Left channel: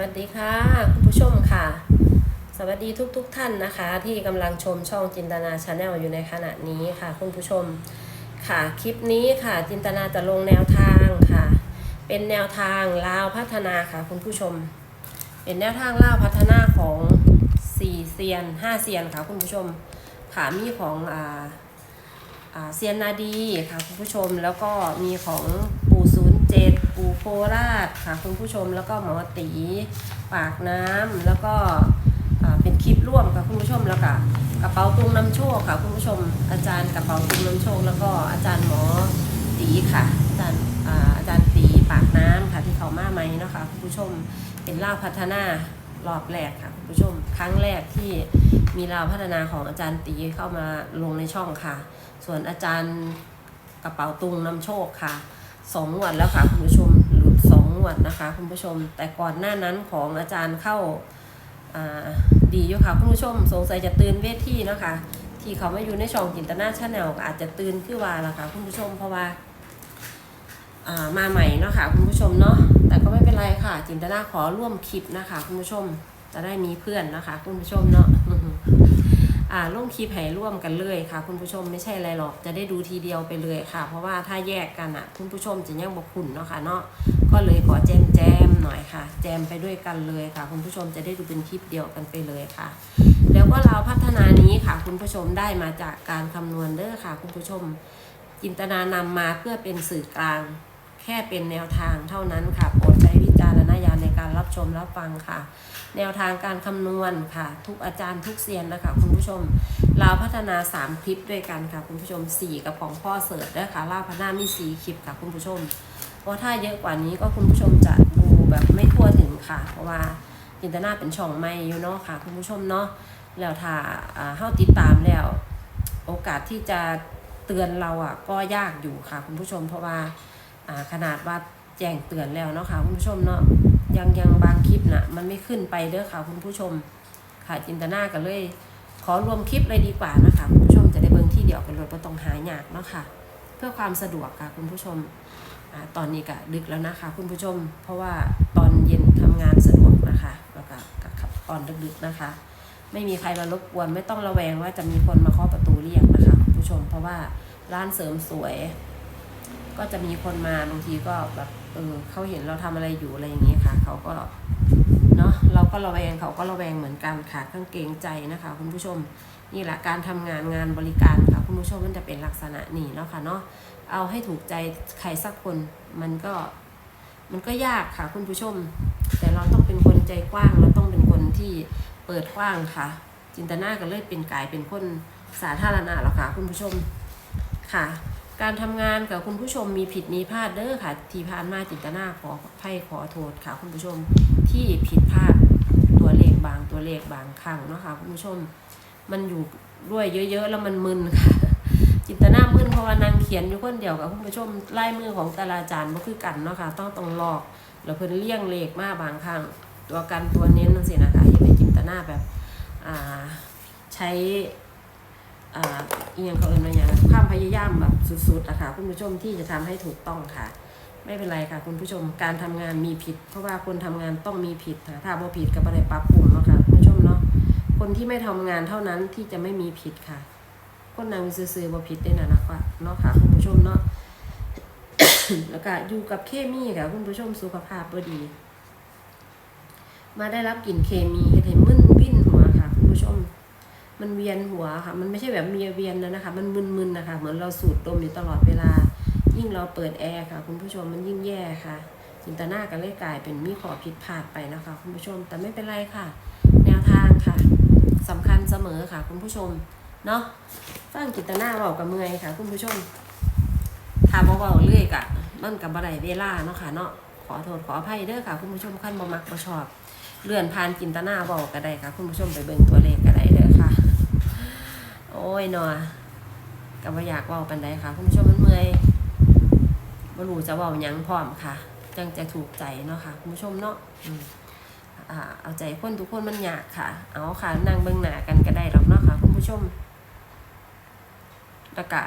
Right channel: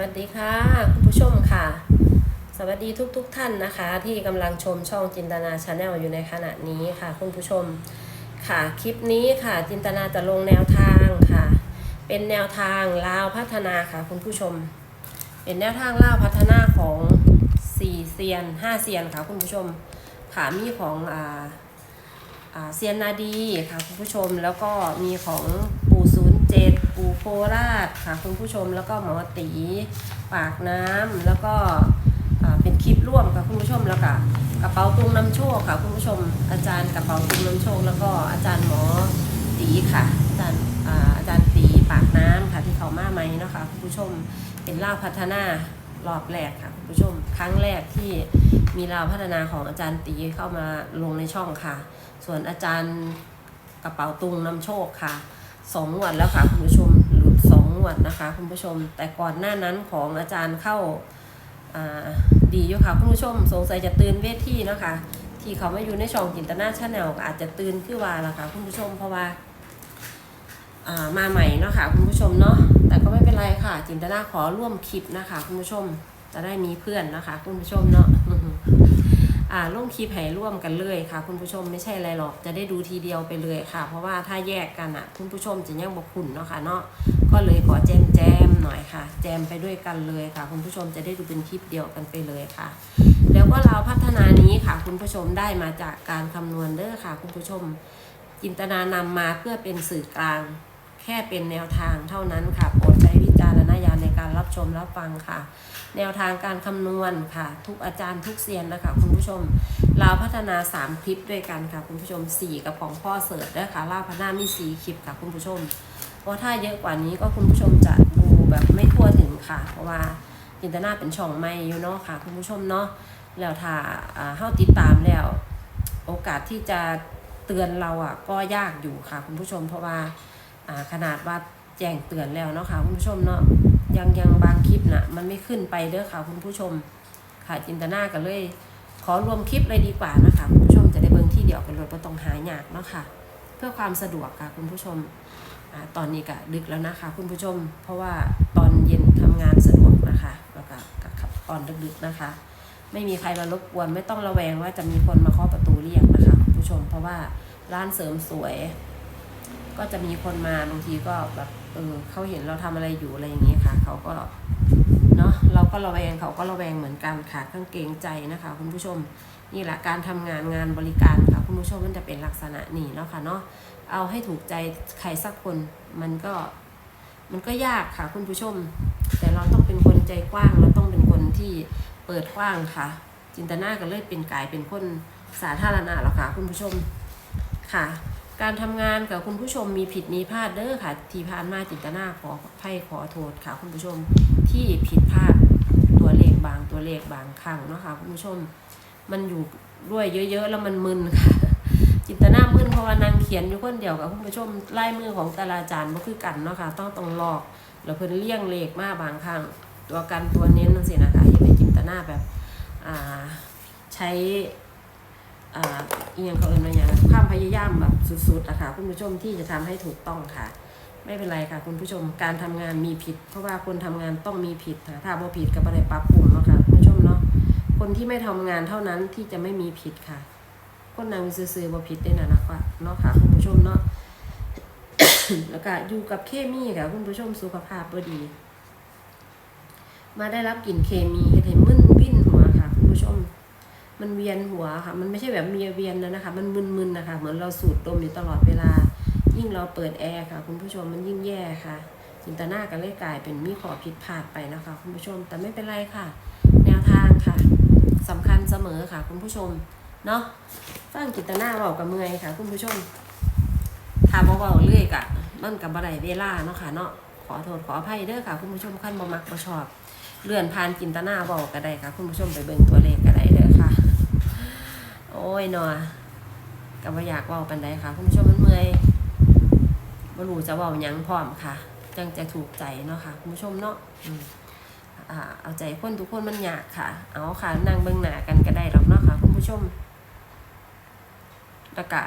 วัสดีค่ะ คุณผู้ชมค่ะ สวัสดีทุกๆทท่านนะคะ ที่กำลังชมช่องจินตนาชาแนลอยู่ในขณะนี้ค่ะ คุณผู้ชมค่ะคลิปนี้ค่ะจินตนาจะลงแนวทางค่ะ เป็นแนวทางลาวพัฒนาค่ะ คุณผู้ชม เป็นแนวทางลาวพัฒนาของสี่เซียนห้าเซียนค่ะ คุณผู้ชมค่ะมีของอ่าอ่าเซียนนาดีค่ะ คุณผู้ชมแล้วก็มีของปู่ศูนย์เจ็ดปู่โคราชค่ะ คุณผู้ชมแล้วก็หมอตีปากน้ำแล้วก็เป็นคลิปร่วมค่ะคุณผู้ชมแล้วก็กระเป๋าตุงน้ำโชคค่ะคุณผู้ชมอาจารย์กระเป๋าตุงน้ำโชค แล้วก็อาจารย์หมอตีค่ะ อาจารย์อาจารย์ตีปากน้ำค่ะที่เขามาไหมเนาะค่ะคุณผู้ชมเป็นล่าพัฒนารอบแรกค่ะคุณผู้ชมครั้งแรกที่มีลาวพัฒนาของอาจารย์ตีเข้ามาลงในช่องค่ะ ส่วนอาจารย์กระเป๋าตุงนำโชคค่ะสองงวดแล้วค่ะคุณผู้ชม วดนะคะคุณผู้ชม แต่ก่อนหน้านั้นของอาจารย์เข้าาดีอยู่ค่ะคุณผู้ชม สงสัยจะตื่นเวทีเนะคะ ที่เขาไม่อยู่ในช่องจินตนาชาแนลอาจจะตื่นขึ้นว่าละค่ะคุณผู้ชมเพราะว่าามาใหม่เนาะค่ะคุณผู้ชมเนาะแต่ก็ไม่เป็นไรค่ะ จินตนาขอร่วมคลิปนะคะ คุณผู้ชมจะได้มีเพื่อนนะคะ คุณผู้ชมเนาะอ่าลงคลิปให้ร่วมกันเลยค่ะ คุณผู้ชมไม่ใช่อะไรหรอกจะได้ดูทีเดียวไปเลยค่ะ เพราะว่าถ้าแยกกันอะ คุณผู้ชมจะยังบกคุณเนาะค่ะเนาะ ก็เลยขอแจมแจมๆหน่อยค่ะ แจมไปด้วยกันเลยค่ะ คุณผู้ชมจะได้ดูเป็นคลิปเดียวกันไปเลยค่ะ แล้วก็เราพัฒนานี้ค่ะ คุณผู้ชมได้มาจากการคำนวณเด้อค่ะ คุณผู้ชม จินตนานำมาเพื่อเป็นสื่อกลาง แค่เป็นแนวทางเท่านั้นค่ะโปรดใช้วิจารณญาณในการรับชมรับฟังค่ะ แนวทางการคำนวณค่ะ ทุกอาจารย์ทุกเซียนนะคะ คุณผู้ชมลาพัฒนา 3 คลิปด้วยกันค่ะ คุณผู้ชม 4 กับของพ่อเสิร์ชด้วยค่ะล่าพนามี4คลิปค่ะ คุณผู้ชม เพราะถ้าเยอะกว่านี้ก็คุณผู้ชมจะดูแบบไม่ทั่วถึงค่ะ เพราะว่าจินตนาเป็นช่องไม่อยู่เนาะค่ะ คุณผู้ชมเนาะแล้วถ้าอ่าเฮาติดตามแล้ว โอกาสที่จะเตือนเราอะก็ยากอยู่ค่ะ คุณผู้ชม เพราะว่าขนาดว่าแจ้งเตือนแล้วเนาะค่ะคุณผู้ชมเนาะยังยังบางคลิปน่ะมันไม่ขึ้นไปเด้อค่ะ คุณผู้ชมค่ะจินตนากันเลย ขอรวมคลิปเลยดีกว่านะคะคุณผู้ชมจะได้เบิ่งที่เดียวกันเลยไม่ต้องหายากเนาะค่ะ เพื่อความสะดวกค่ะคุณผู้ชม ตอนนี้ก็ดึกแล้วนะคะคุณผู้ชม เพราะว่าตอนเย็นทำงานสะดวกนะคะ แล้วก็ก็ขับตอนดึกๆนะคะ ไม่มีใครมารบกวนไม่ต้องระแวงว่าจะมีคนมาเคาะประตูเรียกนะคะคุณผู้ชม เพราะว่าร้านเสริมสวย ก็จะมีคนมาบางทีก็แบบเออเขาเห็นเราทำอะไรอยู่อะไรอย่างนี้ค่ะ เขาก็เนาะเราก็ระแวงเขาก็ระแวงเหมือนกันค่ะเครื่องเกรงใจนะคะ คุณผู้ชมนี่แหละการทำงานงานบริการค่ะคุณผู้ชมมันจะเป็นลักษณะนี้เนาะค่ะเนาะ เอาให้ถูกใจใครสักคน มันก็ มันก็ยากค่ะคุณผู้ชม แต่เราต้องเป็นคนใจกว้าง เราต้องเป็นคนที่เปิดกว้างค่ะ จินตนาก็เลยเป็นกายเป็นคนสาธารณะแล้วค่ะคุณผู้ชมค่ะ การทำงานกับคุณผู้ชมมีผิดมีพลาดเด้อค่ะ ที่ผ่านมาจินตนาขอไพ่ขอโทษค่ะ คุณผู้ชมที่ผิดพลาดตัวเลขบางตัวเลขบางครั้งเนาะค่ะคุณผู้ชม มันอยู่ด้วยเยอะๆแล้วมันมึนค่ะ จินตนามึนเพราะว่านางเขียนอยู่คนเดียวกับคุณผู้ชมลายมือของแต่ละอาจารย์ก็คือกันเนาะค่ะต้องต้องลอกแล้วเพิ่นเลี่ยงเลขมาบางครั้งตัวกันตัวเน้นนั่นสินะคะที่เป็นจินตนาแบบอ่าใช้อ่าเอียงเขาเอิญว่าอย่างความพยายามแบบสุดๆอะค่ะคุณผู้ชมที่จะทำให้ถูกต้องค่ะ ไม่เป็นไรค่ะ คุณผู้ชมการทำงานมีผิด เพราะว่าคนทำงานต้องมีผิดค่ะถ้าบ่ผิดก็บ่ได้ปรับปรุงเนาะค่ะคุณผู้ชมเนาะคนที่ไม่ทำงานเท่านั้นที่จะไม่มีผิดค่ะ คนนางซื่อๆบ่ผิดได้นะนะคะเนาะค่ะคุณผู้ชมเนาะแล้วก็อยู่กับเคมีค่ะคุณผู้ชมสุขภาพบ่ดี มาได้รับกลิ่นเคมีเฮ็ดให้มึนวิ่นหัวค่ะ คุณผู้ชม มันเวียนหัวค่ะ มันไม่ใช่แบบมีเวียนนะนะคะ มันมึนๆนะคะ เหมือนเราสูดดมอยู่ตลอดเวลา ยิ่งเราเปิดแอร์ค่ะ คุณผู้ชมมันยิ่งแย่ค่ะจินตนากันเลยกลายเป็นมีขอผิดพลาดไปนะคะ คุณผู้ชม แต่ไม่เป็นไรค่ะ แนวทางค่ะสำคัญเสมอค่ะ คุณผู้ชม เนาะ ฟังจินตนาเบากับเมื่อยค่ะ คุณผู้ชมถ้าเบาๆเรื่อยกะมันกับบ่ได้เวลาเนาะค่ะเนาะขอโทษขออภัยเด้อค่ะ คุณผู้ชมขั้นบ่มักบ่ชอบ เลื่อนผ่านจินตนาเบาก็ได้ค่ะ คุณผู้ชมไปเบิ่งตัวเลขก็ได้เด้อค่ะ โอ้ยเนาะก็บ่อยากเว้าปานใดค่ะ คุณผู้ชมมันเมื่อยบ่รู้จะเว้าหยังพร้อมค่ะจังจะถูกใจเนาะค่ะ คุณผู้ชมเนาะอ่าเอาใจคนทุกคนมันยากค่ะ เอาค่ะนั่งเบิ่งหน้ากันก็ได้หรา แล้วก็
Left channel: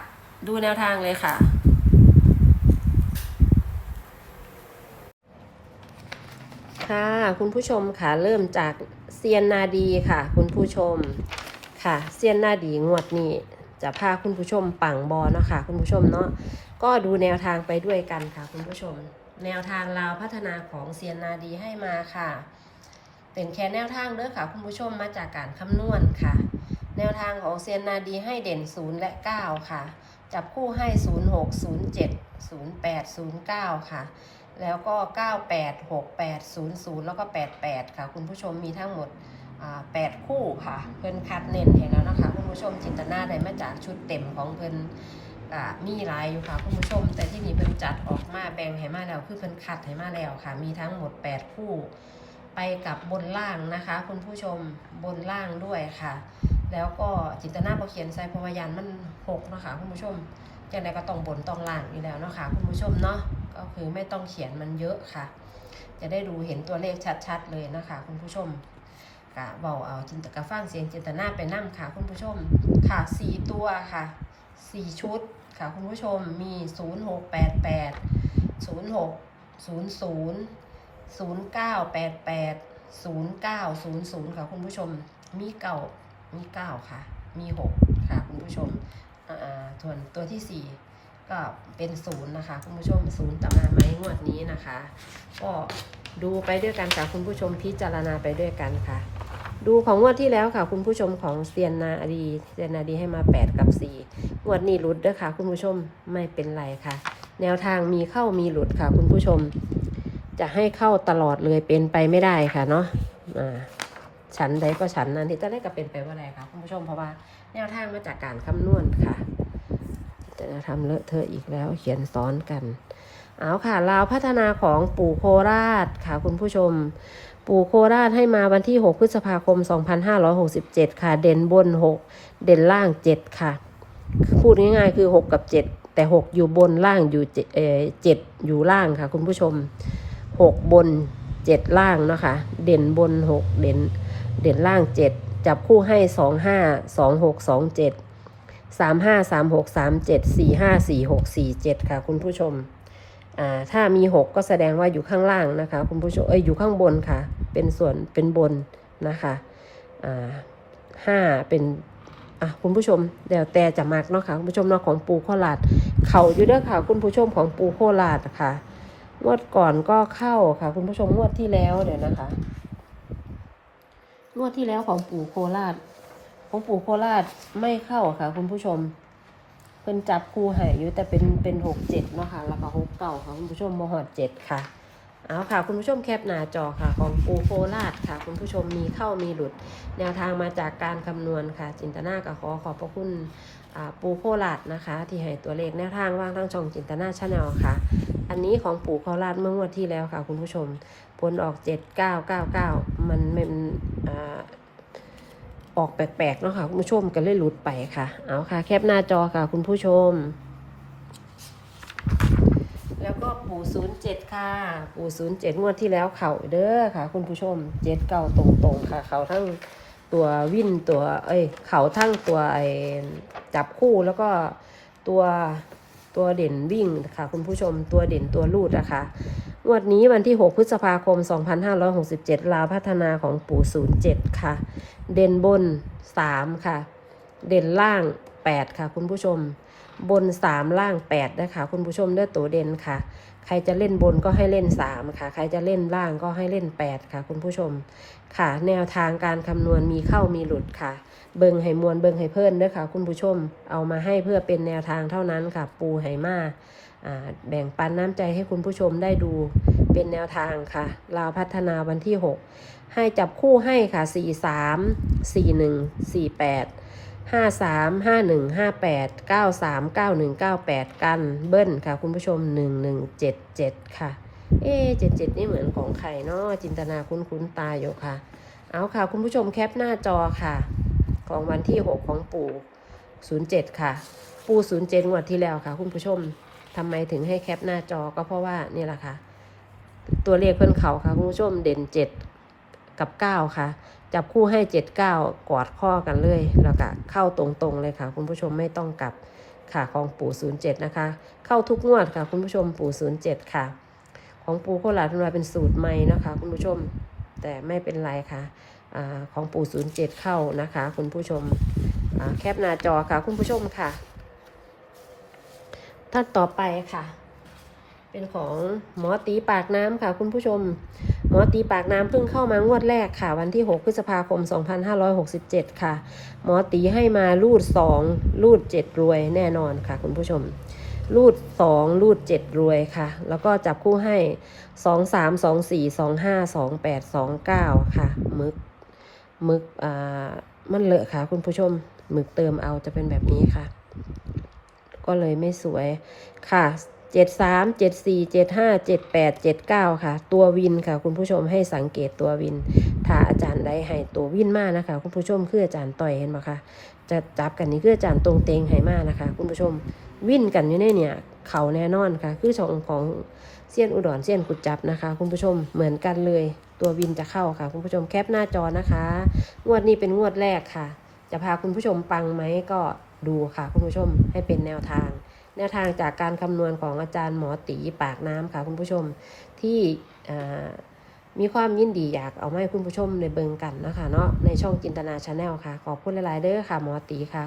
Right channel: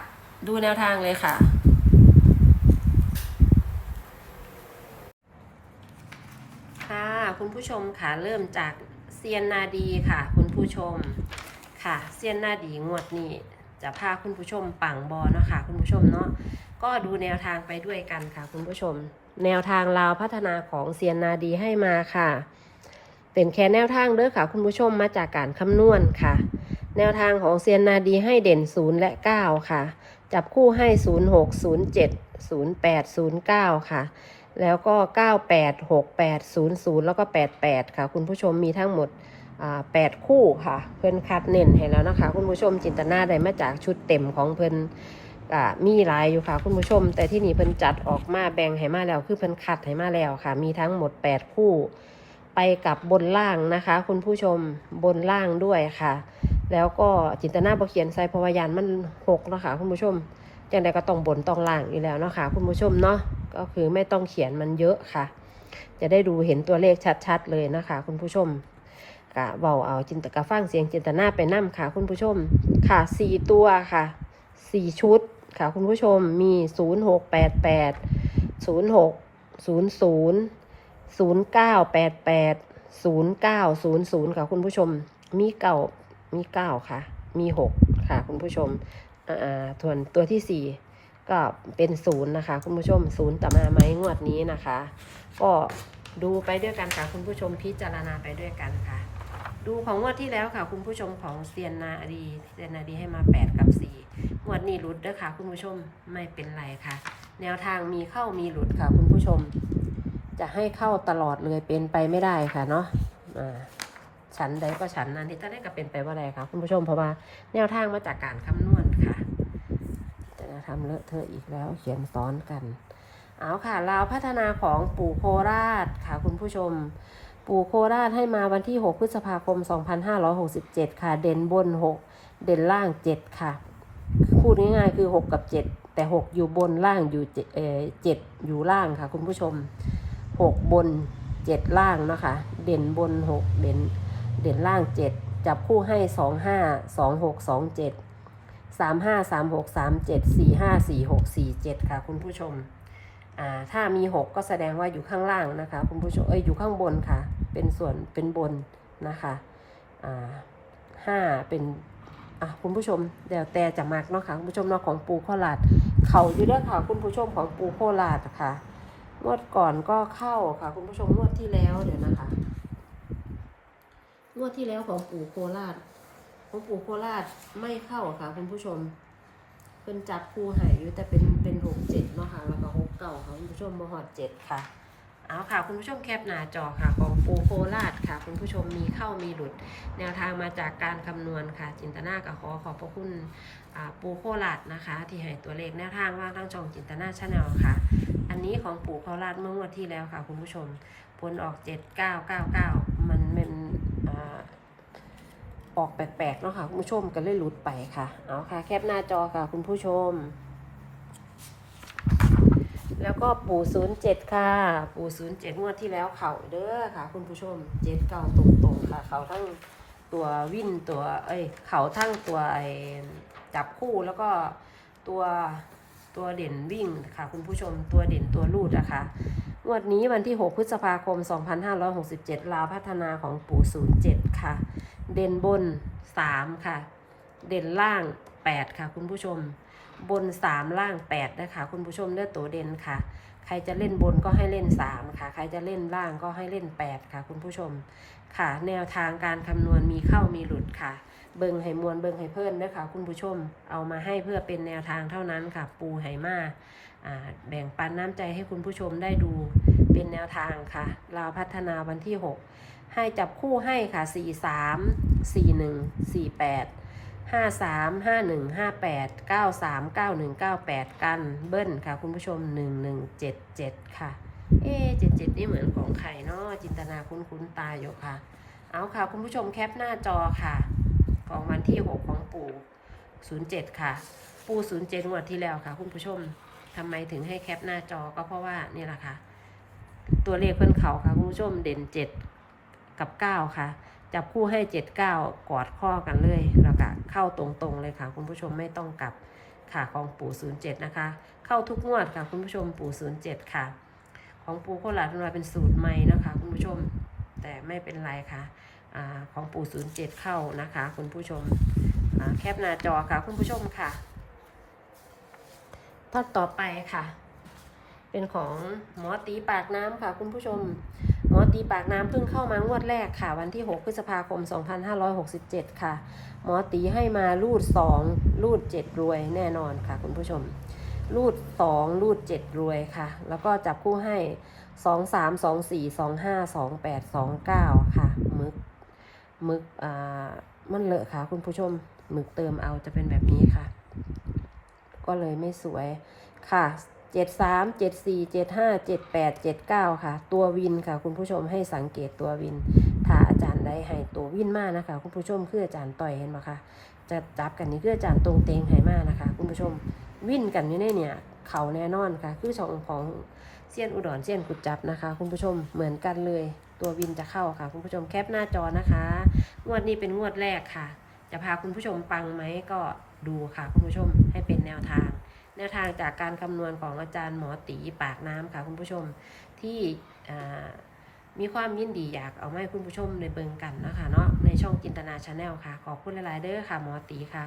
ดูแนวทางเลยค่ะคค่ะ คุณผู้ชมค่ะ เริ่มจากเซียนนาดีค่ะ คุณผู้ชมค่ะเซียนนาดีงวดนี้จะพาคุณผู้ชมปังบอเนาะค่ะ คุณผู้ชมเนาะก็ดูแนวทางไปด้วยกันค่ะ คุณผู้ชม แนวทางลาวพัฒนาของเซียนนาดีให้มาค่ะ เป็นแค่แนวทางเด้อค่ะ คุณผู้ชมมาจากการคำนวณค่ะ แนวทางของเซียนนาดีให้เด่น 0 และ 9 ค่ะ จับคู่ให้ 0 6 0 7 0 8 0 9 ค่ะ แล้วก็ 98 68 00 แล้วก็ 88 ค่ะ คุณผู้ชมมีทั้งหมดอ่า8คู่ค่ะ เพิ่นคัดเน้นให้แล้วนะคะ คุณผู้ชมจินตนาได้มาจากชุดเต็มของเพิ่นอ่ามีลายอยู่ค่ะ คุณผู้ชม แต่ที่นี่เพิ่นจัดออกมาแบ่งให้มาแล้วคือเพิ่นคัดให้มาแล้วค่ะ มีทั้งหมด 8 คู่ ไปกับบนล่างนะคะ คุณผู้ชมบนล่างด้วยค่ะ แล้วก็จินตนาบอเขียนใส่พราะวายานมันหกนะคะคุณผู้ชมจังใดก็ต้องบนต้องล่างอยู่แล้วนะคะคุณผู้ชมเนาะก็คือไม่ต้องเขียนมันเยอะค่ะ จะได้ดูเห็นตัวเลขชัดๆเลยนะคะ คุณผู้ชมกะเบาเอาจินตกะฟังเสียงจินตนาไปนั่มค่ะ คุณผู้ชมค่ะสี่ตัวค่ะสี่ชุดค่ะ คุณผู้ชมมีศูนย์หกแปดแปดศูนย์หกศูนย์ศูนย์ศูนย์เก้าแปดแปดศูนย์เก้าศูนย์ศูนย์ค่ะคุณผู้ชมมีเก่า มีเก้าค่ะ มีหกค่ะคุณผู้ชมอ่าส่วนตัวที่สี่ก็เป็นศูนย์นะคะ คุณผู้ชมศูนย์ต่อมาไหมงวดนี้นะคะ ก็ดูไปด้วยกันค่ะคุณผู้ชมพิจารณาไปด้วยกันค่ะ ดูของงวดที่แล้วค่ะ คุณผู้ชมของเซียนนาดีเซียนนาดีให้มา 8 กับ 4 งวดนี้หลุดด้อค่ะ คุณผู้ชมไม่เป็นไรค่ะ แนวทางมีเข้ามีหลุดค่ะ คุณผู้ชม จะให้เข้าตลอดเลยเป็นไปไม่ได้ค่ะเนาะอ่า ฉันใดก็ฉันนั้นที่จะได้ก็เป็นไปว่าอะไรคะคุณผู้ชมเพราะว่าแนวทางมาจากการคำนวณค่ะจะทำเลอะเทอะอีกแล้วเขียนซ้อนกัน เอาค่ะลาวพัฒนาของปู่โคราชค่ะคุณผู้ชม ปู่โคราชให้มาวันที่ 6 พฤษภาคม 2567 ค่ะ เด่นบน 6 เด่นล่าง 7 ค่ะ พูดง่ายๆคือ 6 กับ 7 แต่ 6 อยู่บนล่างอยู่7เอ่อ7อยู่ล่างค่ะ คุณผู้ชม 6 บน 7 ล่างเนาะคะเด่นบน 6 เด่น เด่นล่าง7จับคู่ให้2 5 2 6 2 7 3 5 3 6 3 7 4 5 4 6 4 7ค่ะคุณผู้ชมอ่าถ้ามี6ก็แสดงว่าอยู่ข้างล่างนะคะคุณผู้ชมเอ้ยอยู่ข้างบนค่ะ เป็นส่วนเป็นบนนะคะอ่าห้าเป็นอะคุณผู้ชมเดี๋ยวแต่จะมักเนาะค่ะคุณผู้ชมเนาะของปูโคราชเขาอยู่เด้อค่ะ คุณผู้ชมของปูโคราชค่ะงวดก่อนก็เข้าค่ะ คุณผู้ชมงวดที่แล้วเดี๋ยวนะคะ งวดที่แล้วของปู่โคราช ของปู่โคราชไม่เข้าค่ะ คุณผู้ชม เป็นจับคู่ใหายอยู่แต่เป็นเป็นหกเจ็ดเนาะค่ะแล้วก็หกเก่าค่ะคุณผู้ชมมหอดเจ็ดค่ะเอาค่ะ คุณผู้ชมแคปหน้าจอค่ะ ของปูโคราชค่ะ คุณผู้ชมมีเข้ามีหลุด แนวทางมาจากการคำนวณค่ะ จินตนากับขอขอบพระคุณปูโคราชนะคะ ที่ให้ตัวเลขแนวทางว่างทั้งช่องจินตนาชาแนลค่ะ อันนี้ของปูโคราชเมื่องวดที่แล้วค่ะ คุณผู้ชมผลออกเจ็ดเก้าเก้าเก้ามันเป็น ออกแปลกๆเนาะค่ะคุณผู้ชมก็เลยหลุดไปค่ะ เอาค่ะ แคปหน้าจอค่ะคุณผู้ชม แล้วก็ปู่ศูนย์เจ็ดค่ะ ปู่ศูนย์เจ็ดงวดที่แล้วเข่าเด้อค่ะ คุณผู้ชมเจ็ดเก่าตรงๆค่ะ เขาทั้งตัววิ่นตัว เอ้ยเขาทั้งตัวไอจับคู่แล้วก็ตัว ตัวเด่นวิ่งค่ะคุณผู้ชมตัวเด่นตัวลูดนะคะงวดนี้วันที่ 6 พฤษภาคม 2567 ลาวพัฒนาของปู่ 07 ค่ะ เด่นบน 3 ค่ะ เด่นล่าง 8 ค่ะ คุณผู้ชม บน 3 ล่าง 8 นะคะ คุณผู้ชมเลือตัวเด่นค่ะ ใครจะเล่นบนก็ให้เล่น 3 ค่ะ ใครจะเล่นล่างก็ให้เล่น 8 ค่ะ คุณผู้ชมค่ะ แนวทางการคำนวณมีเข้ามีหลุดค่ะ เบิงให้มวลเบิงให้เพิ่นด้วยค่ะ คุณผู้ชมเอามาให้เพื่อเป็นแนวทางเท่านั้นค่ะ ปูไหมาาแบ่งปันน้ำใจให้คุณผู้ชมได้ดูเป็นแนวทางค่ะลาวพัฒนาวันที่ 6 ให้จับคู่ให้ค่ะ 4 3 4 1 4 8 5 3 5 1 5 8 9 3 9 1 9 8กันเบิ้ลค่ะ คุณผู้ชม1 1 7 7ค่ะ เอ๊ะ77นี่เหมือนของใครเนาะจินตนาคุ้นๆตาอยู่ค่ะ เอาค่ะ คุณผู้ชมแคปหน้าจอค่ะ ของวันที่6ของปู่07ค่ะ ปู่07งวดที่แล้วค่ะ คุณผู้ชมทำไมถึงให้แคปหน้าจอก็เพราะว่านี่แหละค่ะ ตัวเลขเพื่อนเขาค่ะ คุณผู้ชมเด่นเจ็ด กับเก้าค่ะ จับคู่ให้เจ็ดเก้ากอดข้อกันเลยแล้วก็เข้าตรงๆเลยค่ะ คุณผู้ชมไม่ต้องกลับค่ะของปู่ศูนย์เจ็ดนะคะ เข้าทุกงวดค่ะ คุณผู้ชมปู่ศูนย์เจ็ดค่ะ ของปูโคราชมันาเป็นสูตรใหม่นะคะ คุณผู้ชมแต่ไม่เป็นไรค่ะอของปูศูนย์เจ็ดเข้านะคะ คุณผู้ชมแคปหน้าจอค่ะ คุณผู้ชมค่ะท่านต่อไปค่ะ เป็นของหมอตีปากน้ำค่ะคุณผู้ชม หมอตีปากน้ำเพิ่งเข้ามางวดแรกค่ะ วันที่ 6 พฤษภาคม 2567 ค่ะ หมอตีให้มารูด 2 รูด 7 รวยแน่นอนค่ะ คุณผู้ชม รูด 2 รูด 7 รวยค่ะ แล้วก็จับคู่ให้ 2 3 2 4 2 5 2 8 2 9 ค่ะมึกมึกอ่ามันเลอะค่ะ คุณผู้ชมหมึกเติมเอาจะเป็นแบบนี้ค่ะ ก็เลยไม่สวยค่ะ 7 3 7 4 7 5 7 8 7 9ค่ะ ตัววินค่ะ คุณผู้ชมให้สังเกตตัววิน ถ้าอาจารย์ได้ให้ตัววินมากนะคะ คุณผู้ชมคืออาจารย์ต่อยเห็นไหมคะจะจับกันนี่คืออาจารย์ตรงเตงให้มากนะคะ คุณผู้ชมวินกันอยู่ในเนี่ยเขาแน่นอนค่ะ คือช่องของเซียนอุดรเซียนกุดจับนะคะ คุณผู้ชมเหมือนกันเลย ตัววินจะเข้าค่ะ คุณผู้ชมแคปหน้าจอนะคะ งวดนี้เป็นงวดแรกค่ะ จะพาคุณผู้ชมปังไหมก็ดูค่ะ คุณผู้ชมให้เป็นแนวทาง แนวทางจากการคำนวณของอาจารย์หมอตีปากน้ำค่ะคุณผู้ชมที่มีความยินดีอยากเอามาให้คุณผู้ชมในเบิงกันนะคะเนาะในช่องจินตนาชาแนลค่ะ ขอบคุณหลายๆเด้อค่ะหมอตีค่ะ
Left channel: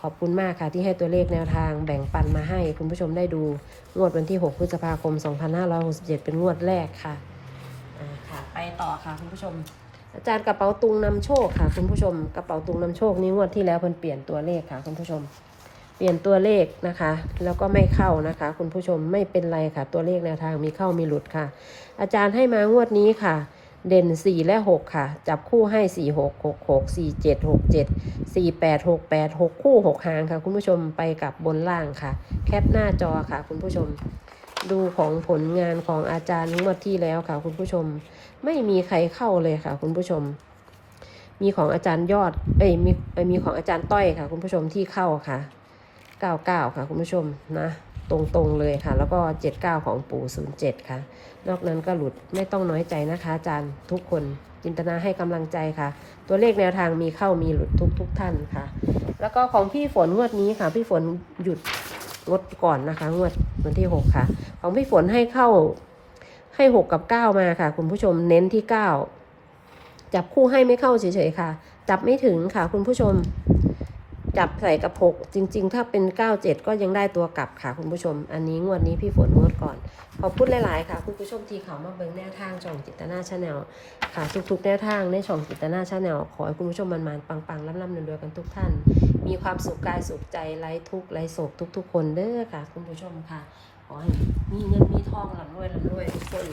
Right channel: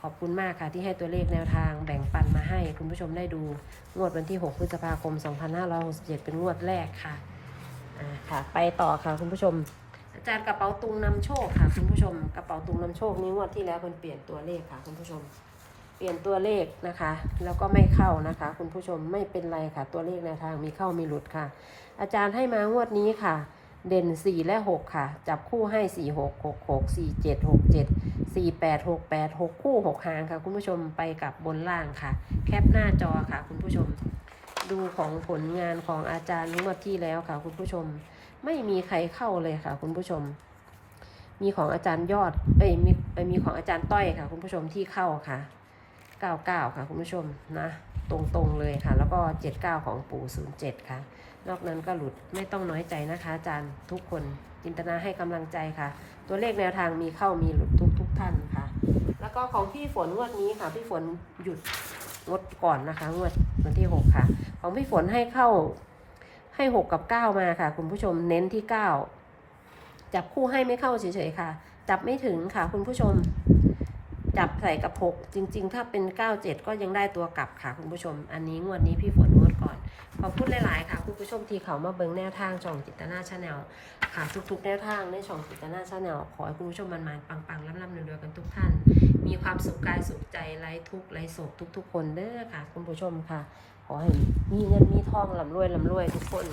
ขอบคุณมากค่ะที่ให้ตัวเลขแนวทางแบ่งปันมาให้คุณผู้ชมได้ดูงวดวันที่ 6 พฤษภาคม 2567 เป็นงวดแรกค่ะอ่าค่ะ ไปต่อค่ะคุณผู้ชม อาจารย์กระเป๋าตุงนำโชคค่ะ คุณผู้ชมกระเป๋าตุงนำโชคนี่งวดที่แล้วเพิ่นเปลี่ยนตัวเลขค่ะคุณผู้ชม เปลี่ยนตัวเลขนะคะ แล้วก็ไม่เข้านะคะ คุณผู้ชมไม่เป็นไรค่ะ ตัวเลขแนวทางมีเข้ามีหลุดค่ะ อาจารย์ให้มางวดนี้ค่ะ เด่น 4 และ 6 ค่ะ จับคู่ให้ 4 6 6 6 4 7 6 7 4 8 6 8 6 คู่ 6 หางค่ะ คุณผู้ชมไปกับบนล่างค่ะ แคปหน้าจอค่ะ คุณผู้ชมดูของผลงานของอาจารย์งวดที่แล้วค่ะ คุณผู้ชมไม่มีใครเข้าเลยค่ะ คุณผู้ชม มีของอาจารย์ยอด เอ้ยมีมีของอาจารย์ต้อยค่ะ คุณผู้ชมที่เข้าค่ะ 99 ค่ะคุณผู้ชมนะตรงๆเลยค่ะ แล้วก็ 79 ของปู่ 07 ค่ะ นอกนั้นก็หลุดไม่ต้องน้อยใจนะคะ อาจารย์ทุกคนจินตนาให้กำลังใจค่ะ ตัวเลขแนวทางมีเข้ามีหลุดทุกทุกท่านค่ะ แล้วก็ของพี่ฝนงวดนี้ค่ะ พี่ฝนหยุดงดก่อนนะคะงวดวันที่ 6 ค่ะ ของพี่ฝนให้เข้าให้ 6 กับ 9 มาค่ะ คุณผู้ชมเน้นที่ 9 จับคู่ให้ไม่เข้าเฉยๆค่ะ จับไม่ถึงค่ะคุณผู้ชม จับใส่กระพกจริง ๆ ถ้าเป็น 97 ก็ยังได้ตัวกลับค่ะคุณผู้ชม อันนี้งวดนี้พี่ฝนงวดก่อน ขอบคุณหลาย ๆ ค่ะ คุณผู้ชมที่เขามาเบิ่งแนวทางช่องจิตนาชาแนลค่ะ ทุก ๆ แนวทางในช่องจิตนาชาแนลขอให้คุณผู้ชมมันๆปังๆร่ำๆรวยๆกันทุกท่าน มีความสุขกายสุขใจไร้ทุกข์ไร้โศกทุก ๆ คนเด้อค่ะ คุณผู้ชมค่ะ ขอให้มีเงินมีทองลำรวยลำรวยทุกคน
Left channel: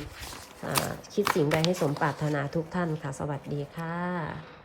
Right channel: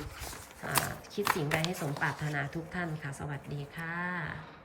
คิดสิ่งใดให้สมปรารถนาทุกท่านค่ะ สวัสดีค่ะ